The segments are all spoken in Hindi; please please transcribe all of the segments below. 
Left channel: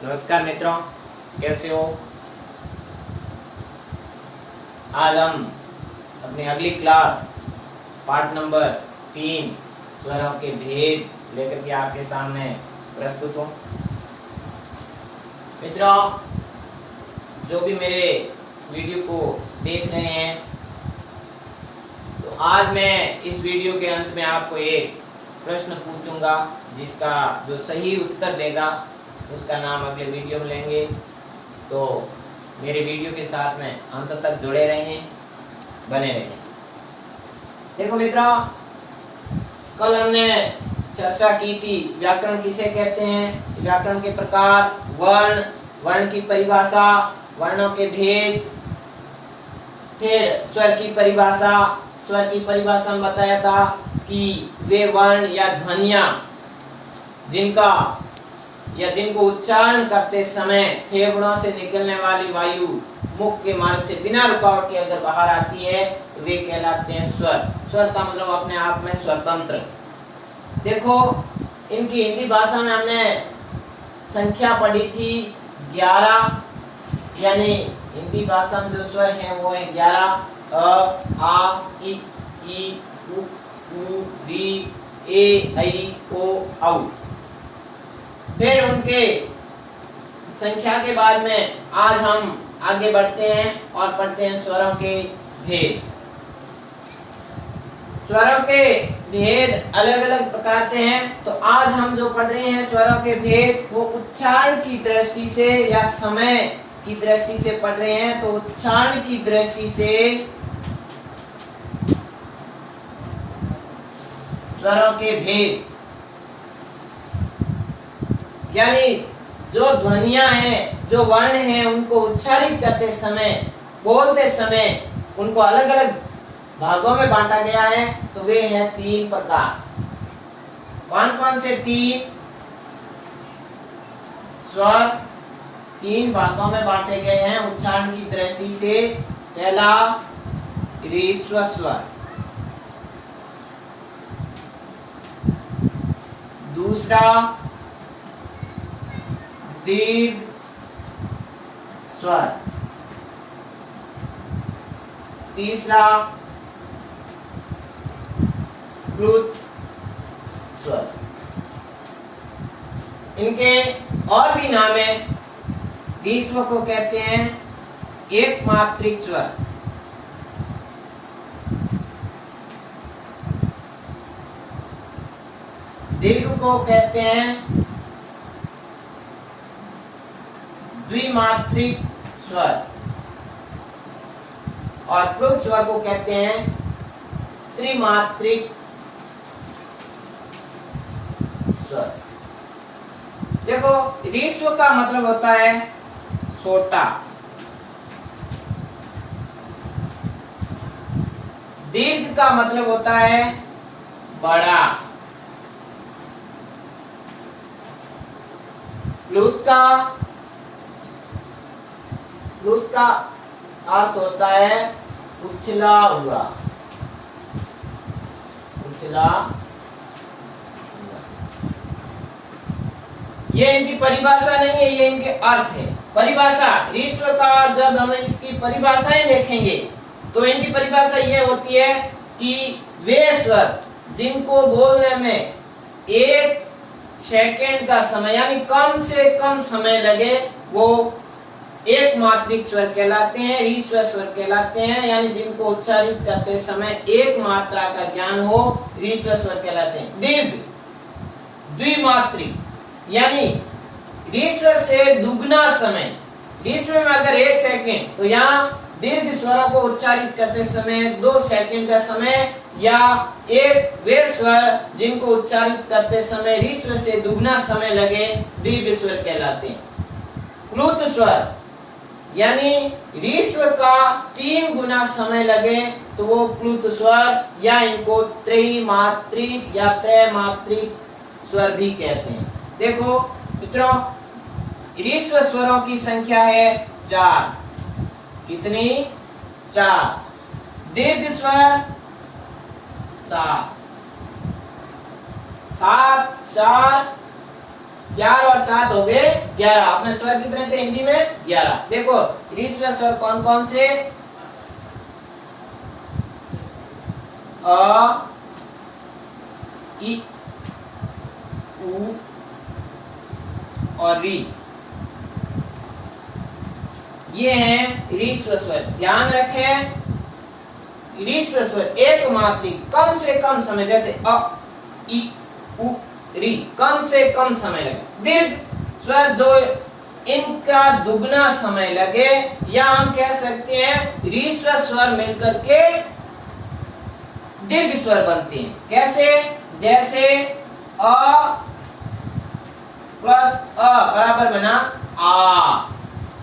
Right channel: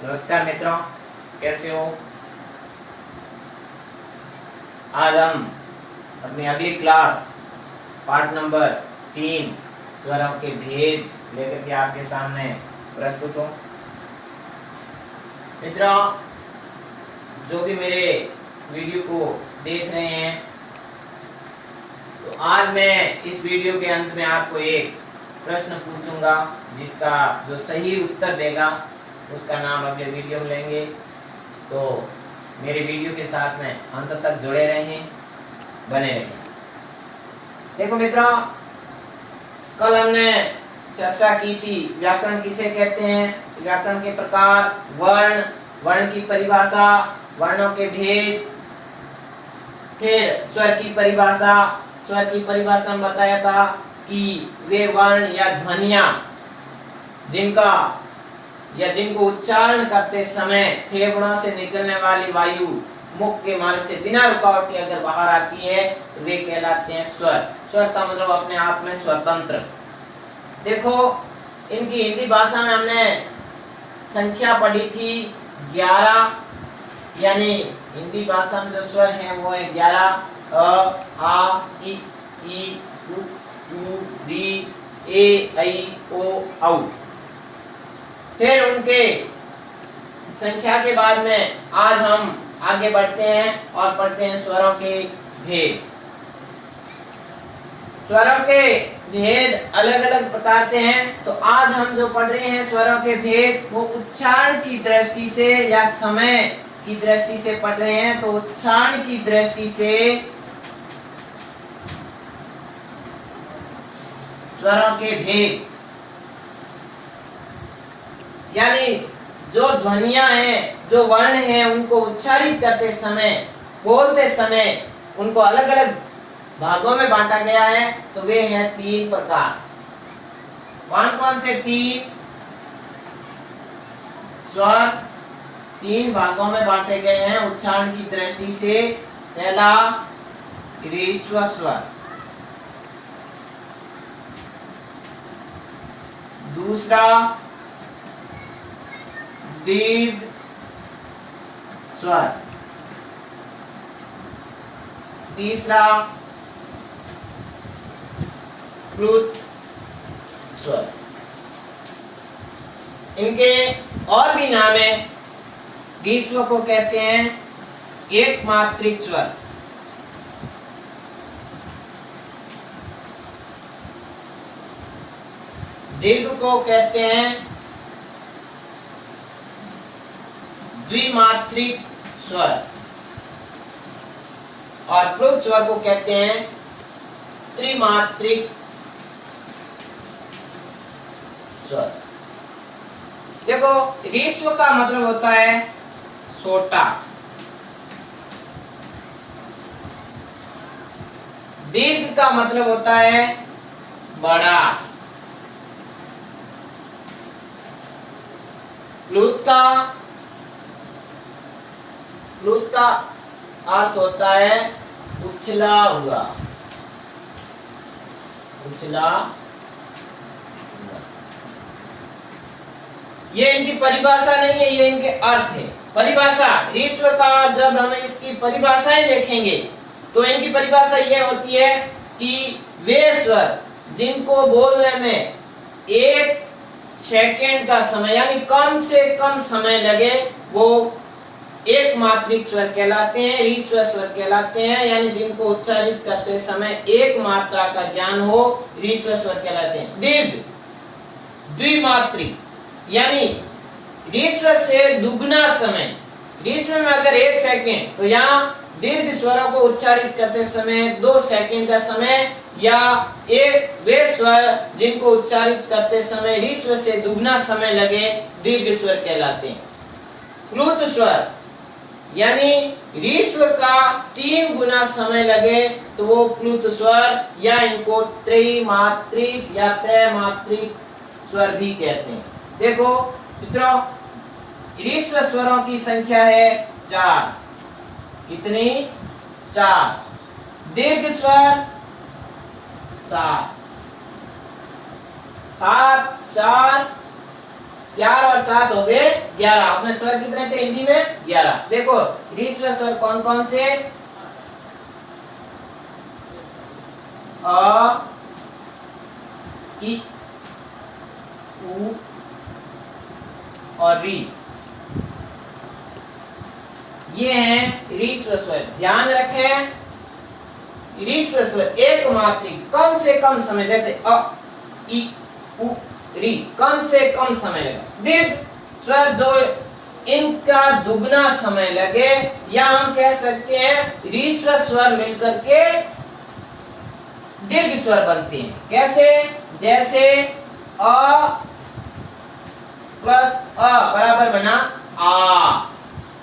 नमस्कार मित्रों, कैसे हो। आज हम अपनी अगली क्लास पार्ट नंबर 3 स्वरों के भेद लेकर के आपके सामने प्रस्तुत हूँ। मित्रों, जो भी मेरे वीडियो को देख रहे हैं, तो आज मैं इस वीडियो के अंत में आपको एक प्रश्न पूछूंगा, जिसका जो सही उत्तर देगा उसका नाम अगले वीडियो में लेंगे। तो मेरे वीडियो के साथ में अंत तक जुड़े रहें, बने रहें। देखो मित्रों, कल हमने चर्चा की थी व्याकरण किसे कहते हैं, व्याकरण के प्रकार, वर्ण, वर्ण की परिभाषा, वर्णों के भेद, फिर स्वर की परिभाषा। स्वर की परिभाषा में बताया था कि वे वर्ण या ध्वनियां जिनको उच्चारण करते समय फेफड़ों से निकलने वाली वायु मुख के मार्ग से बिना रुकावट के अगर बाहर आती है तो वे कहलाते हैं स्वर। स्वर का मतलब अपने आप में स्वतंत्र। देखो, इनकी हिंदी भाषा में हमने संख्या पढ़ी थी 11, यानी हिंदी भाषा में जो स्वर हैं वो है 11। अ, आ, ई, उ, री, ए, ऐ, ओ, औ। फिर उनके संख्या के बाद में आज हम आगे बढ़ते हैं और पढ़ते हैं स्वरों के भेद। स्वरों के भेद अलग अलग प्रकार से हैं। तो आज हम जो पढ़ रहे हैं स्वरों के भेद, वो उच्चारण की दृष्टि से या समय की दृष्टि से पढ़ रहे हैं। तो उच्चारण की दृष्टि से स्वरों के भेद, यानी जो ध्वनियां हैं, जो वर्ण हैं, उनको उच्चारित करते समय, बोलते समय उनको अलग अलग भागों में बांटा गया है। तो वे हैं 3 प्रकार। कौन कौन से 3 स्वर 3 भागों में बांटे गए हैं उच्चारण की दृष्टि से। पहला ह्रस्व स्वर, दूसरा दीर्घ स्वर, तीसरा प्लुत स्वर। इनके और भी नाम है। ह्रस्व को कहते हैं एक मात्रिक स्वर, दीर्घ को कहते हैं द्विमात्रिक स्वर, और प्लुत स्वर को कहते हैं त्रिमात्रिक स्वर। देखो, ह्रस्व का मतलब होता है छोटा, दीर्घ का मतलब होता है बड़ा, प्लुत का अर्थ होता है उछला हुआ, उछला। ये इनकी परिभाषा नहीं है, ये इनके अर्थ है। परिभाषा ह्रस्व का, जब हम इसकी परिभाषाएं देखेंगे तो इनकी परिभाषा ये होती है कि वे स्वर जिनको बोलने में 1 सेकेंड का समय, यानी कम से कम समय लगे, वो एक मात्रिक स्वर कहलाते हैं, ह्रस्व स्वर कहलाते हैं। यानी जिनको उच्चारित करते समय एक मात्रा का ज्ञान हो, ह्रस्व स्वर कहलाते हैं। दीर्घ द्विमात्रिक, यानी ह्रस्व से दुगना समय। ह्रस्व में अगर 1 सेकेंड, तो यहाँ दीर्घ स्वरों को उच्चारित करते समय 2 सेकेंड का समय, या एक वे स्वर जिनको उच्चारित करते समय ह्रस्व से दुगना समय लगे, दीर्घ स्वर कहलाते हैं। प्लुत स्वर, यानी ह्रस्व का 3 गुना समय लगे, तो वो प्लुत स्वर, या इनको त्रिमात्रिक या त्रैमात्रिक स्वर भी कहते हैं। देखो मित्रों, ह्रस्व स्वरों की संख्या है 4। कितनी? 4। दीर्घ स्वर 7। 7, 4 4 और 7 हो गए 11। अपने स्वर कितने थे हिंदी में? 11। देखो रीस्वर स्वर कौन कौन से? अ, इ, उ और री, ये हैं रीस्वर स्वर। ध्यान रखें, रीस्वर स्वर एक मात्रा कम से कम समय, जैसे अ, इ, उ, री, कम से कम समय लगा। दीर्घ स्वर जो इनका दुगना समय लगे, या हम कह सकते हैं रीस्वर स्वर मिलकर के दीर्घ स्वर बनते हैं। कैसे? जैसे अ प्लस अ बराबर बना आ,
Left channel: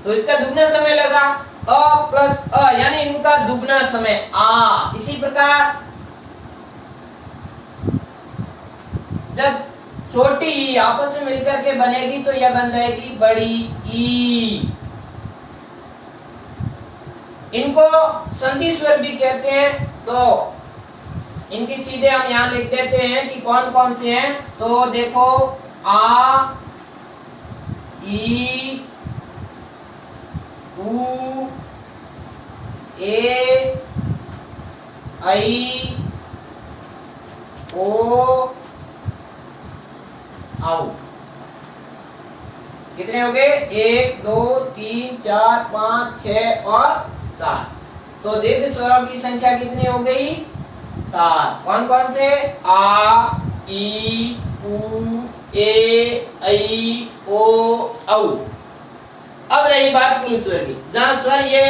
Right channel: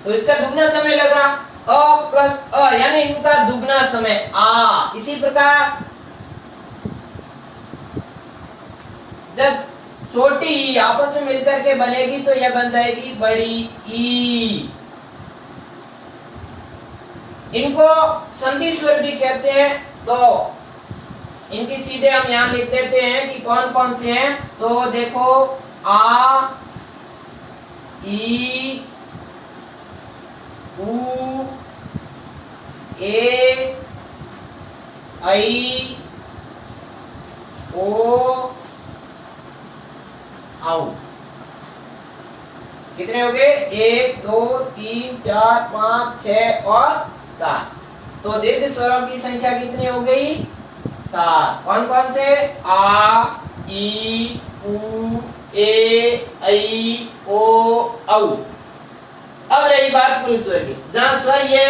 तो इसका दुगना समय लगा अ प्लस अ, यानी इनका दुगना समय आ। इसी प्रकार जब छोटी ई आपस में मिलकर के बनेगी तो यह बन जाएगी बड़ी ई। इनको संधि स्वर भी कहते हैं। तो इनकी सीधे हम यहां लिख देते हैं कि कौन कौन से हैं। तो देखो आ, ई, उ, ए, ऐ, ओ, औ। कितने हो गए? 1 2 3 4 5 6 और 7। तो दीर्घ स्वरों की संख्या कितनी हो गई? 7। कौन कौन से? आ, ई, उ, ए, ऐ, ओ, औ। अब रही बात प्लुत स्वर की, जहां स्वर ये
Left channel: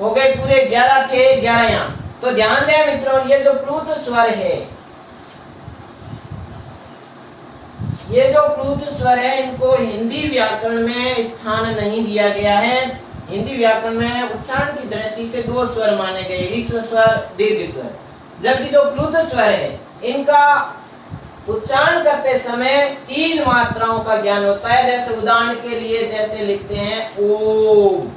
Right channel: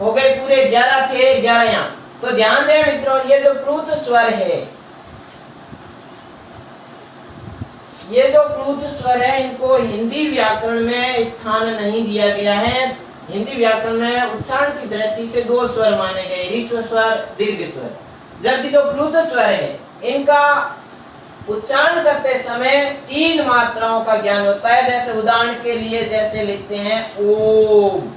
हो गए पूरे 11 थे, 11 यहाँ। तो ध्यान दें मित्रों, ये जो प्लुत स्वर है, ये जो प्लुत स्वर है, इनको हिंदी व्याकरण में स्थान नहीं दिया गया है। हिंदी व्याकरण में उच्चारण की दृष्टि से 2 स्वर माने गए, ह्रस्व स्वर, दीर्घ स्वर। जबकि जो प्लुत स्वर है, इनका उच्चारण करते समय 3 मात्राओं का ज्ञान होता है। जैसे उदाहरण के लिए जैसे लिखते हैं ओम।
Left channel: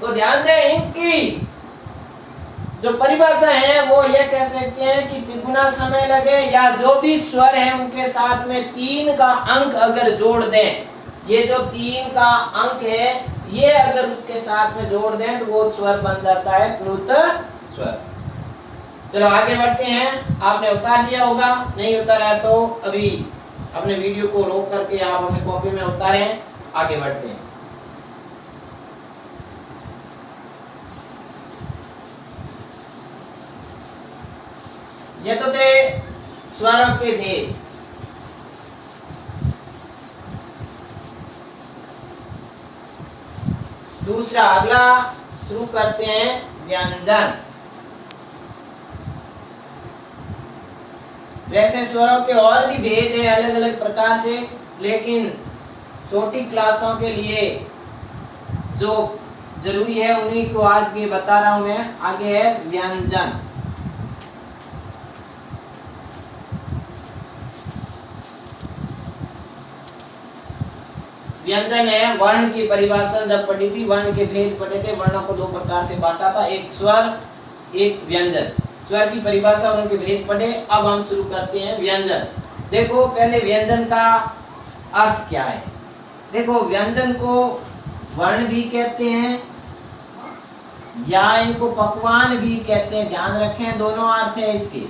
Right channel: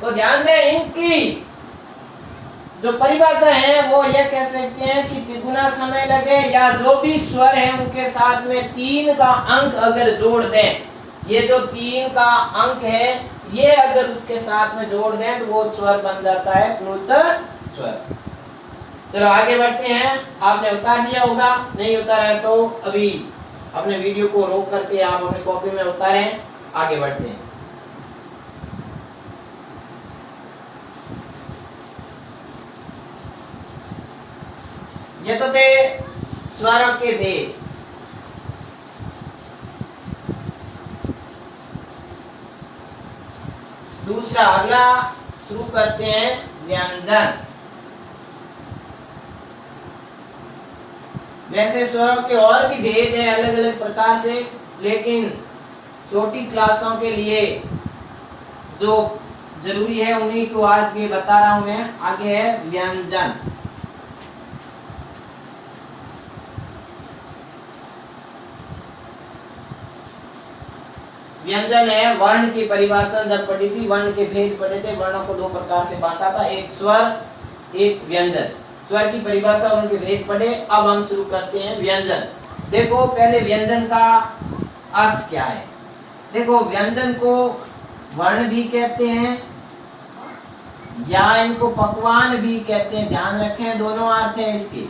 तो ध्यान दें, इनकी जो परिभाषा है वो ये कह सकते हैं कि तिगुना समय लगे, या जो भी स्वर है उनके साथ में 3 का अंक अगर जोड़ दें, ये जो 3 का अंक है ये अगर उसके साथ में जोड़ दें तो वो स्वर बन जाता है प्लुत स्वर। चलो आगे बढ़ते हैं। आपने उतार दिया होगा, नहीं उतारा है तो अभी अपने वीडियो को रोक करके आप अपनी कॉपी में उतारें। आगे बढ़ते हैं। ये तो थे स्वरों के भेद। दूसरा अगला शुरू करते हैं व्यंजन। वैसे स्वरों के और भी भेद है अलग अलग प्रकार से, लेकिन छोटी क्लासों के लिए जो जरूरी है उन्हीं को आज भी बता रहा हूं मैं। आगे है व्यंजन। व्यंजन है वर्ण की परिभाषा जब पढ़ी थी, वर्ण के भेद पढ़े थे। वर्णों को 2 प्रकार से बांटा था, एक स्वर, एक व्यंजन। स्वर की परिभाषा और उनके भेद पढ़े। अब हम शुरू करते हैं व्यंजन। देखो पहले व्यंजन का अर्थ क्या है। देखो व्यंजन को वर्ण भी कहते हैं या इनको पकवान भी कहते हैं। ध्यान रखें, दोनों अर्थ है इसके,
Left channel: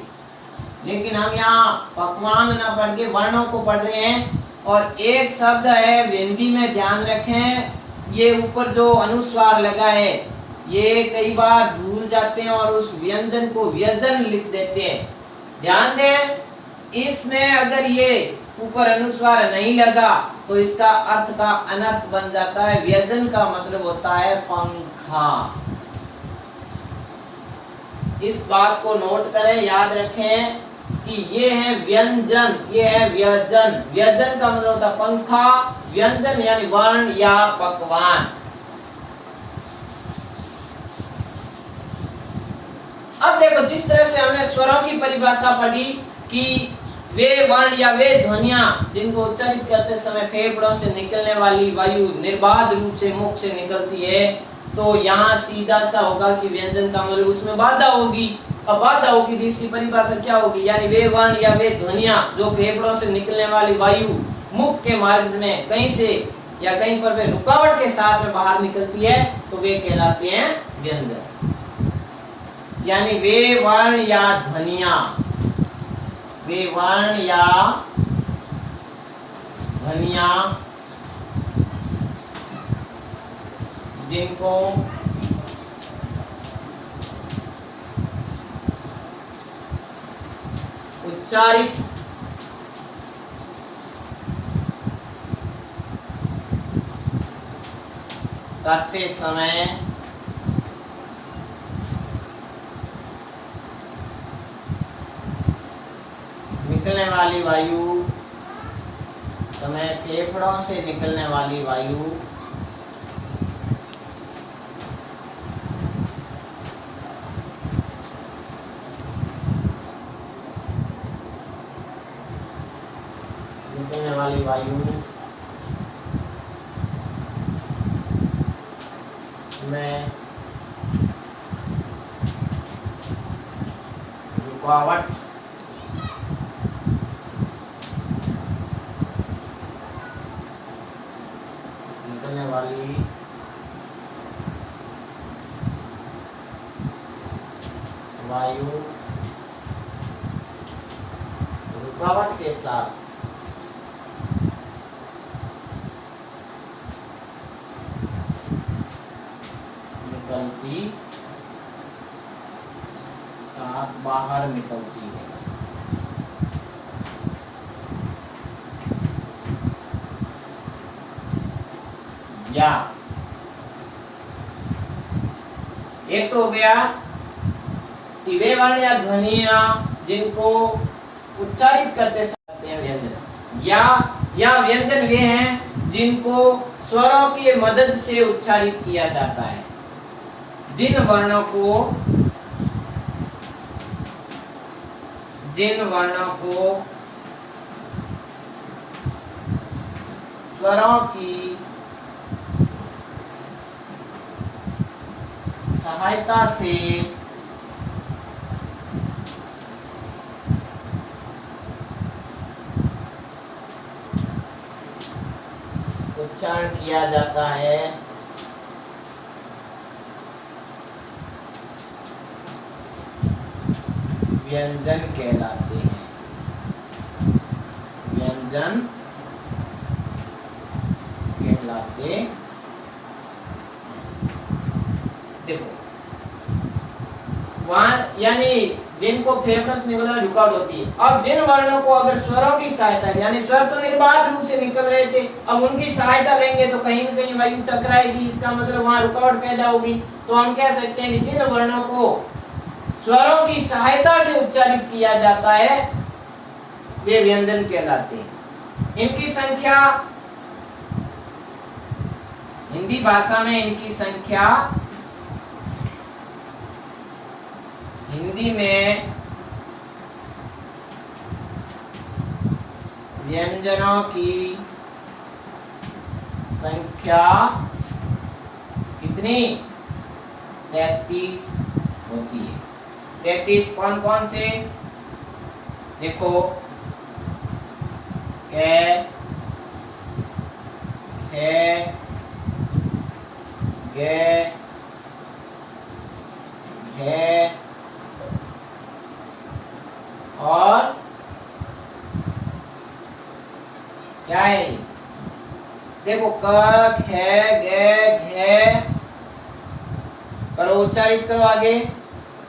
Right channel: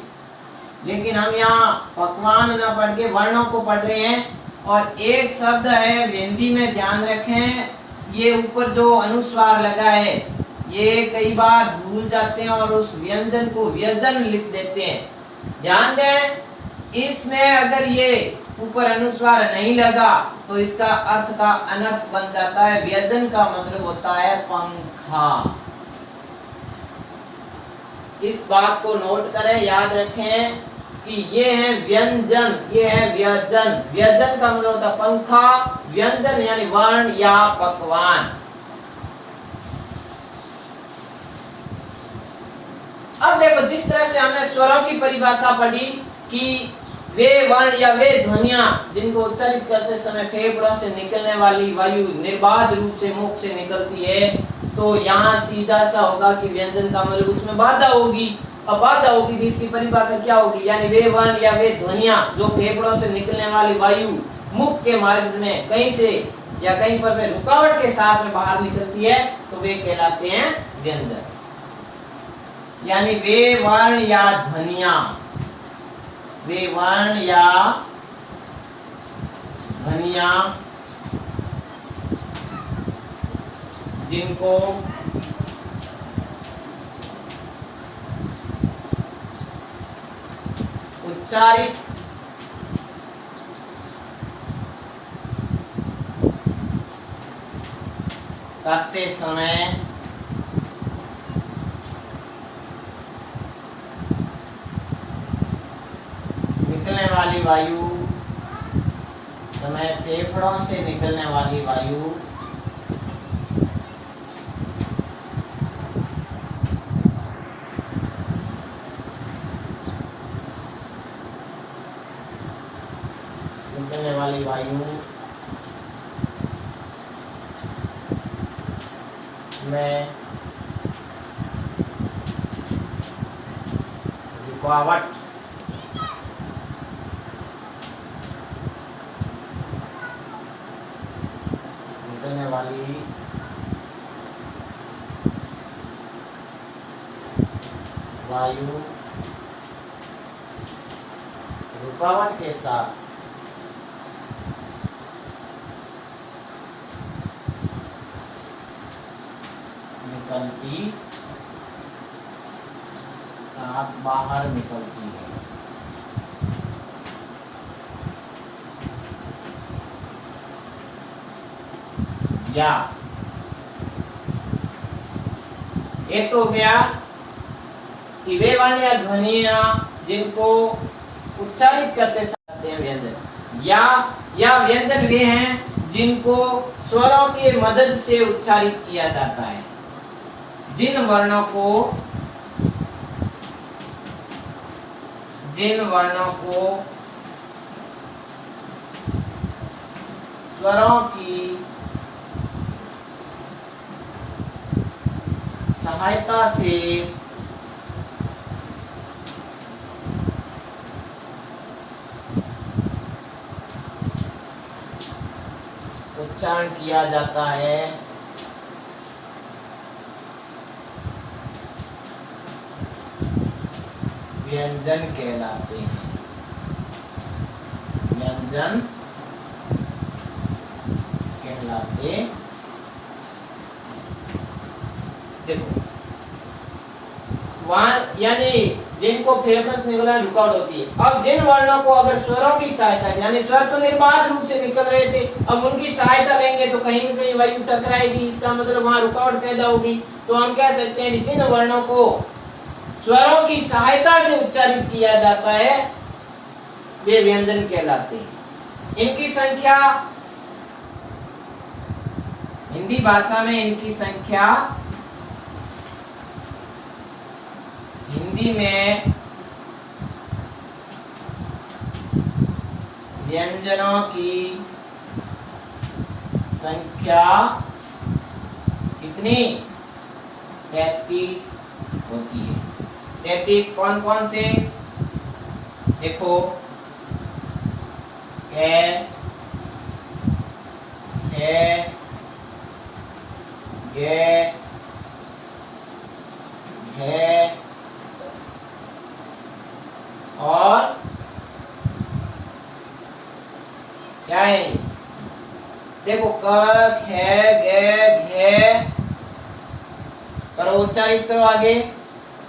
लेकिन हम यहाँ पकवान ना पढ़ के वर्णों को पढ़ रहे हैं। और एक शब्द है हिंदी में, ध्यान रखें, ये ऊपर जो अनुस्वार लगा है ये कई बार भूल जाते हैं और उस व्यंजन को व्यंजन लिख देते हैं। ध्यान दें, इसमें अगर ये ऊपर अनुस्वार नहीं लगा तो इसका अर्थ का अनर्थ बन जाता है। व्यंजन का मतलब होता है पंखा। इस बात को नोट करें, याद रखें कि ये है व्यंजन, ये है व्यंजन। व्यंजन का मतलब होता है पंखा, व्यंजन यानी वर्ण या पकवान। अब देखो, जिस तरह से हमने स्वरों की परिभाषा पढ़ी कि वे वर्ण या वे ध्वनियां जिनको उच्चारित करते समय फेफड़ों से निकलने वाली वायु निर्बाध रूप से मुख से निकलती है, तो यहाँ सीधा सा होगा कि व्यंजन का मतलब उसमें बाधा होगी। अब बात होगी कि इसकी परिभाषा क्या होगी, यानी वे वर्ण या वे ध्वनियां जो फेफड़ों से निकलने वाली वायु मुख के मार्ग में कहीं से या कहीं पर वे रुकावट के साथ में बाहर निकलती है तो वे कहलाते हैं व्यंजन। यानी वे वर्ण या ध्वनियां, वे वर्ण या ध्वनियां जिनको उच्चारित करते समय निकलने वाली वायु, समय फेफड़ों से निकलने वाली वायु निकलने वाली वायु में रुकावट निकलने वाली वायु रुकावट के साथ निकलती, साथ बाहर निकलती है। या एक तो हो गया कि वे वर्ण या ध्वनियां जिनको उच्चारित करते समय व्यंजन, या व्यंजन वे हैं जिनको स्वरों की मदद से उच्चारित किया जाता है। जिन वर्णों को स्वरों की सहायता से उच्चारण किया जाता है व्यंजन कहलाते हैं। व्यंजन कहलाते, देखो वहां यानी जिनको फेफड़ों से निकलना रुकावट होती है। अब जिन वर्णों को अगर स्वरों की सहायता से, यानी स्वर तो निर्बाध रूप से निकल रहे थे, अब उनकी सहायता लेंगे तो कहीं न कहीं वायु टकराएगी, इसका मतलब वहां रुकावट पैदा होगी। तो हम कह सकते हैं जिन वर्णों को स्वरों की सहायता से उच्चारित किया जाता है वे व्यंजन कहलाते हैं। इनकी संख्या, हिंदी भाषा में इनकी संख्या, हिंदी में व्यंजनों की संख्या कितनी? 33 होती है। 33 कौन कौन से? देखो, कै, खे, गे, घे और क्या है? देखो क, ख, ग, घ करो, उच्चारित करो आगे।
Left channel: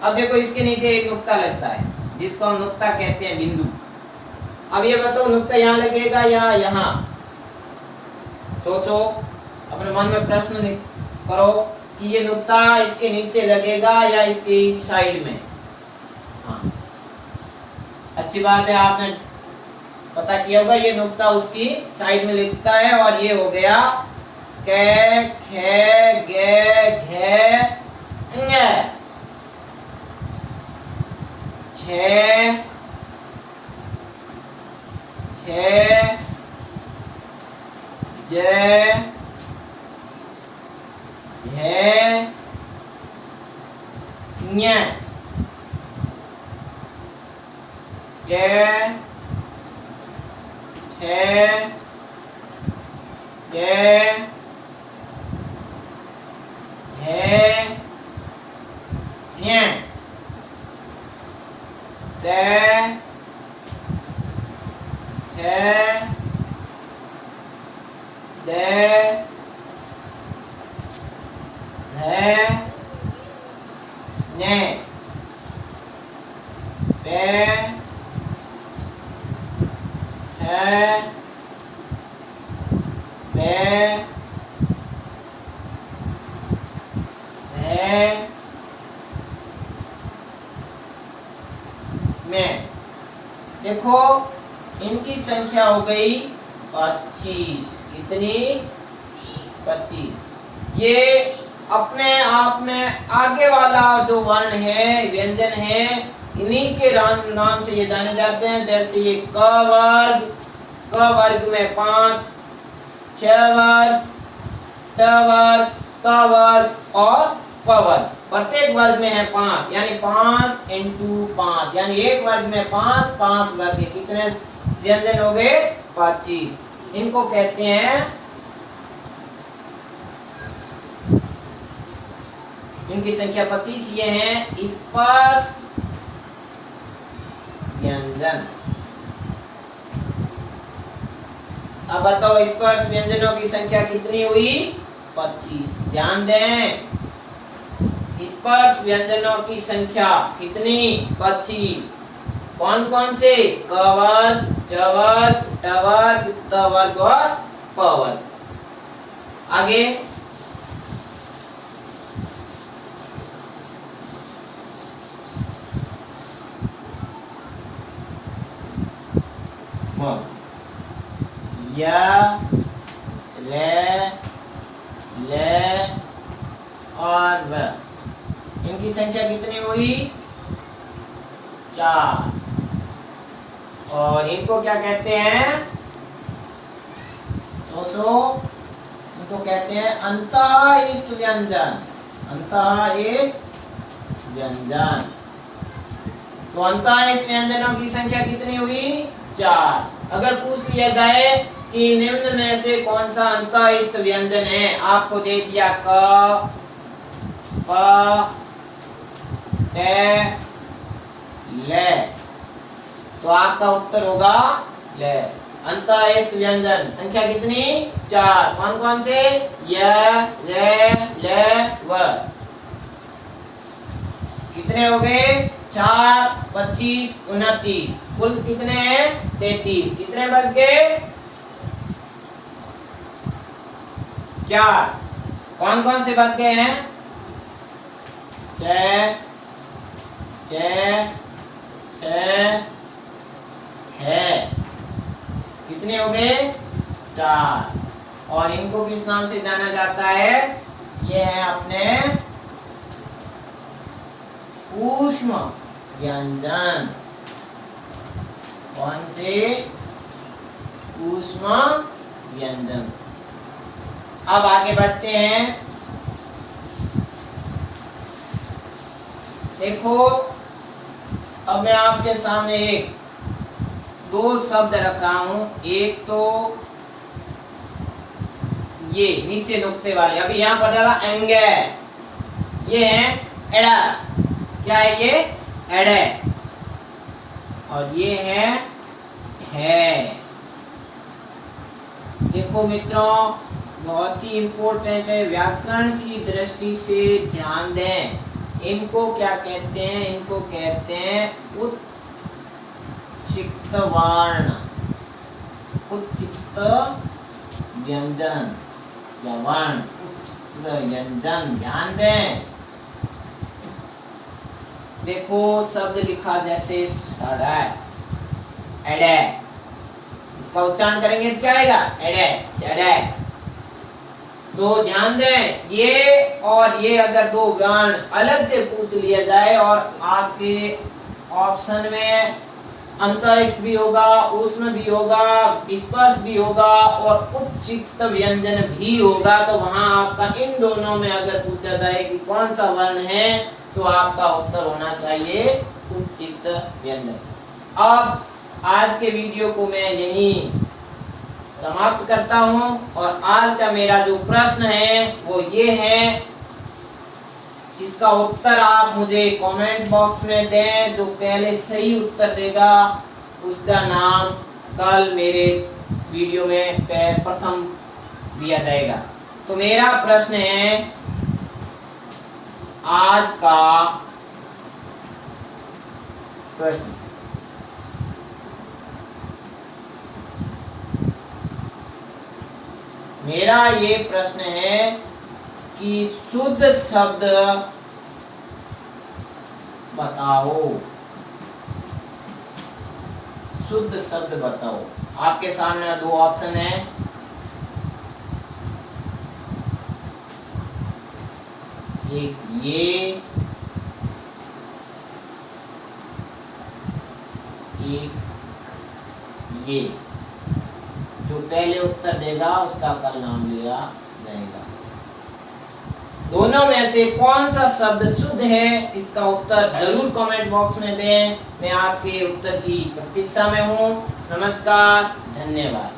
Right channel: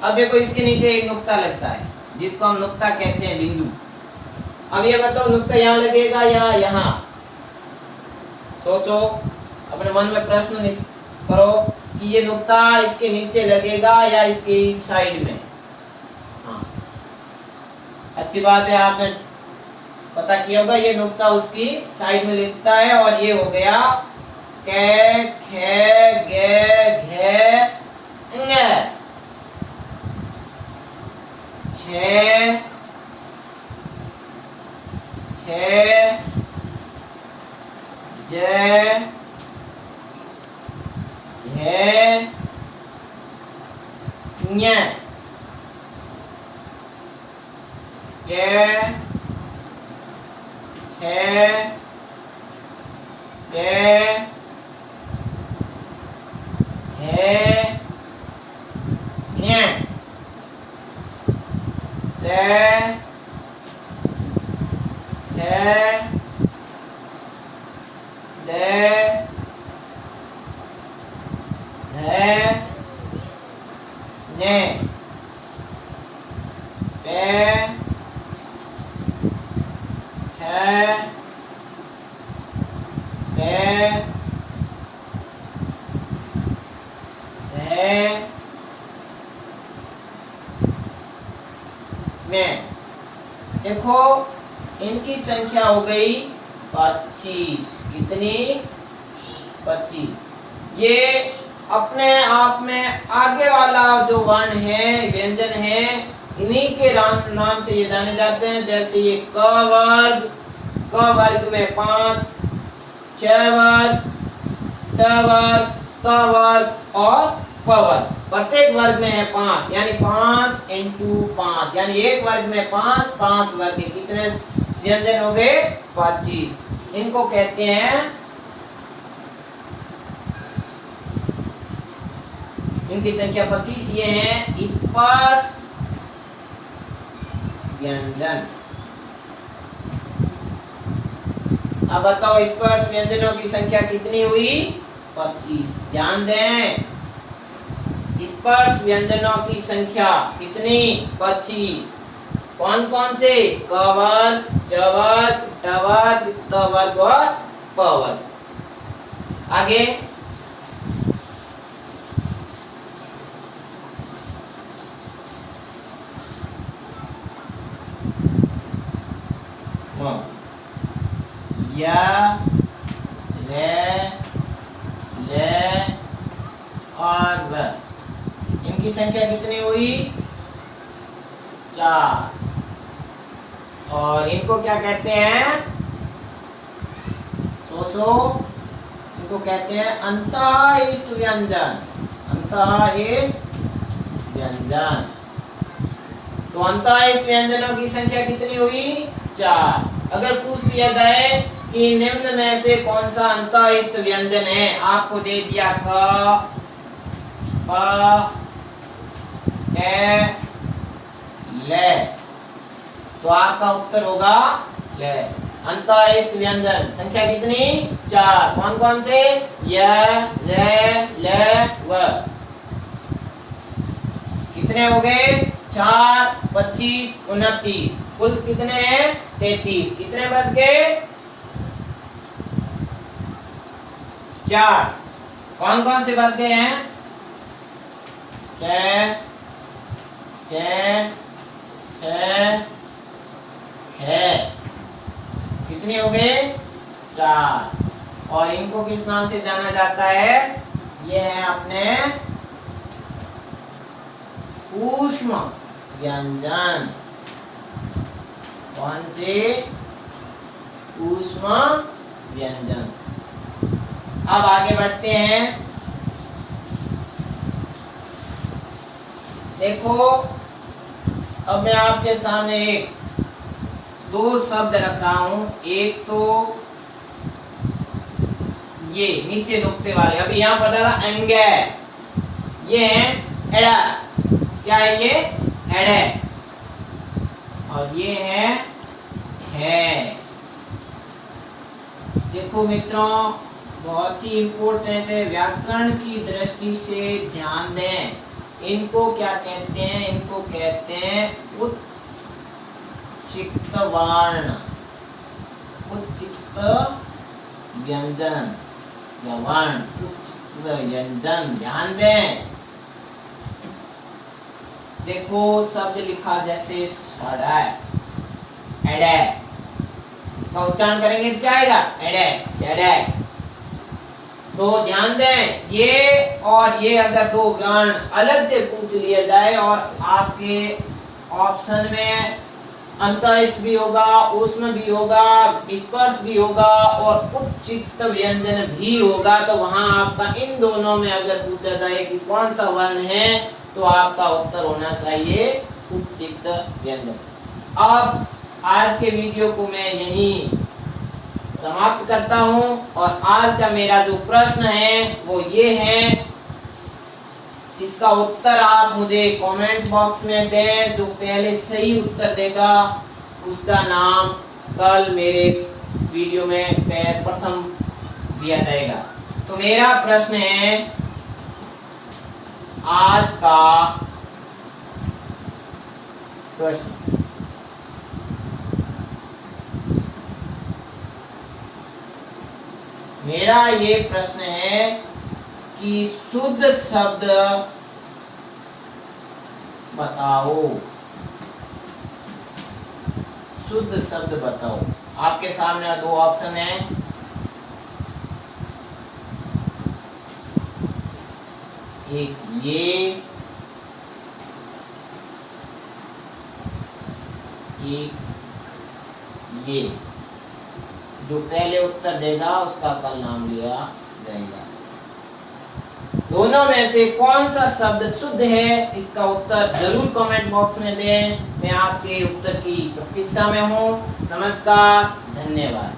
अब देखो इसके नीचे एक नुक्ता लगता है जिसको हम नुक्ता कहते हैं, बिंदु। अब ये बताओ नुक्ता यहाँ लगेगा या यहाँ? सोचो, अपने मन में प्रश्न करो कि ये नुक्ता इसके नीचे लगेगा या इसके साइड में। हाँ, अच्छी बात है, आपने पता किया होगा ये नुक्ता उसकी साइड में लिखता है। और ये हो गया कै, खे, गे, घे, ङ, छे, छे, जे, झे, ञ टे, ठे, डे, हे, न्ये, ते, ठे, दे, धे, ने, पे, ठे, डे, धे, में। देखो इनकी संख्या हो गई 25। कितनी? 25। ये अपने आप में आगे वाला जो वर्ण है, व्यंजन है, इन्हीं के नाम से ये जाने जाते हैं। जैसे ये क वर्ग, क वर्ग में 5, च वर्ग, ट वर्ग, त वर्ग और प वर्ग। प्रत्येक वर्ग में है 5, यानी 5 इंटू 5, यानी एक वर्ग में 5, 5 वर्ग के कितने व्यंजन हो गए? 25। इनको कहते हैं, इनकी संख्या 25। ये हैं स्पर्श व्यंजन। अब बताओ स्पर्श व्यंजनों की संख्या कितनी हुई? 25। ध्यान दें, स्पर्श व्यंजनों की संख्या कितनी? 25। कौन कौन से? क वर्ग, च वर्ग, ट वर्ग, त वर्ग और प वर्ग। आगे या, रे, ले और व। इनकी संख्या कितनी हुई? 4। और इनको क्या कहते हैं? इनको कहते हैं अंतःइष्ट व्यंजन। अंतःइष्ट व्यंजन। तो अंतःइष्ट व्यंजनों की संख्या कितनी हुई? 4। अगर पूछ लिया जाए कि निम्न में से कौन सा अंतःइष्ट व्यंजन है, आपको दे दिया क, प, टे, ले, तो आपका उत्तर होगा ले। अंतःइष्ट व्यंजन संख्या कितनी? 4। कौन कौन से? य, रे, ले, व। कितने हो गए? 4, 25, 29। कुल कितने हैं? 33। कितने बच गए? 4। कौन कौन से बच गए हैं? 6, 6, 6 है। कितने हो गए? 4। और इनको किस नाम से जाना जाता है? ये है अपने ऊष्म व्यंजन। कौन से? ऊष्म व्यंजन। अब आगे बढ़ते हैं। देखो, अब मैं आपके सामने दो शब्द रख रहा हूं। एक तो ये नीचे नुक्ते वाले, अभी यहां पर डाला अंगे, ये है एड़ा। क्या है ये? एड़े। और ये है। देखो मित्रों, बहुत ही इंपॉर्टेंट है, व्याकरण की दृष्टि से ध्यान दें। इनको क्या कहते हैं? इनको कहते हैं उच्चिक्त वर्ण, उच्चिक्त व्यंजन या वर्ण, उच्चिक्त व्यंजन। ध्यान दें। देखो शब्द लिखा जैसे सड़क, एडे, इसका उच्चारण करेंगे तो क्या आएगा? एडे, सड़क। तो ध्यान दें, ये और ये अगर दो वर्ण अलग से पूछ लिया जाए और आपके ऑप्शन में अंतःइष्ट भी होगा, ऊष्म भी होगा, स्पर्श भी होगा और उच्चिक्त व्यंजन भी होगा, तो वहां आपका इन दोनों में अगर पूछा जाए कि कौन सा वर्ण है, तो आपका उत्तर होना चाहिए उच्चिक्त व्यंजन। अब आज के वीडियो को मैं यहीं समाप्त करता हूं और आज का मेरा जो प्रश्न है वो ये है, इसका उत्तर आप मुझे कमेंट बॉक्स में दें। जो पहले सही उत्तर देगा उसका नाम कल मेरे वीडियो में प्रथम दिया जाएगा। तो मेरा प्रश्न है, आज का प्रश्न, मेरा ये प्रश्न है कि शुद्ध शब्द बताओ, शुद्ध शब्द बताओ। आपके सामने दो ऑप्शन है, एक ये। जो पहले उत्तर देगा उसका कल नाम लिया जाएगा। दोनों में से कौन सा शब्द शुद्ध है, इसका उत्तर जरूर कमेंट बॉक्स में दें। मैं आपके उत्तर की प्रतीक्षा में हूँ। नमस्कार, धन्यवाद।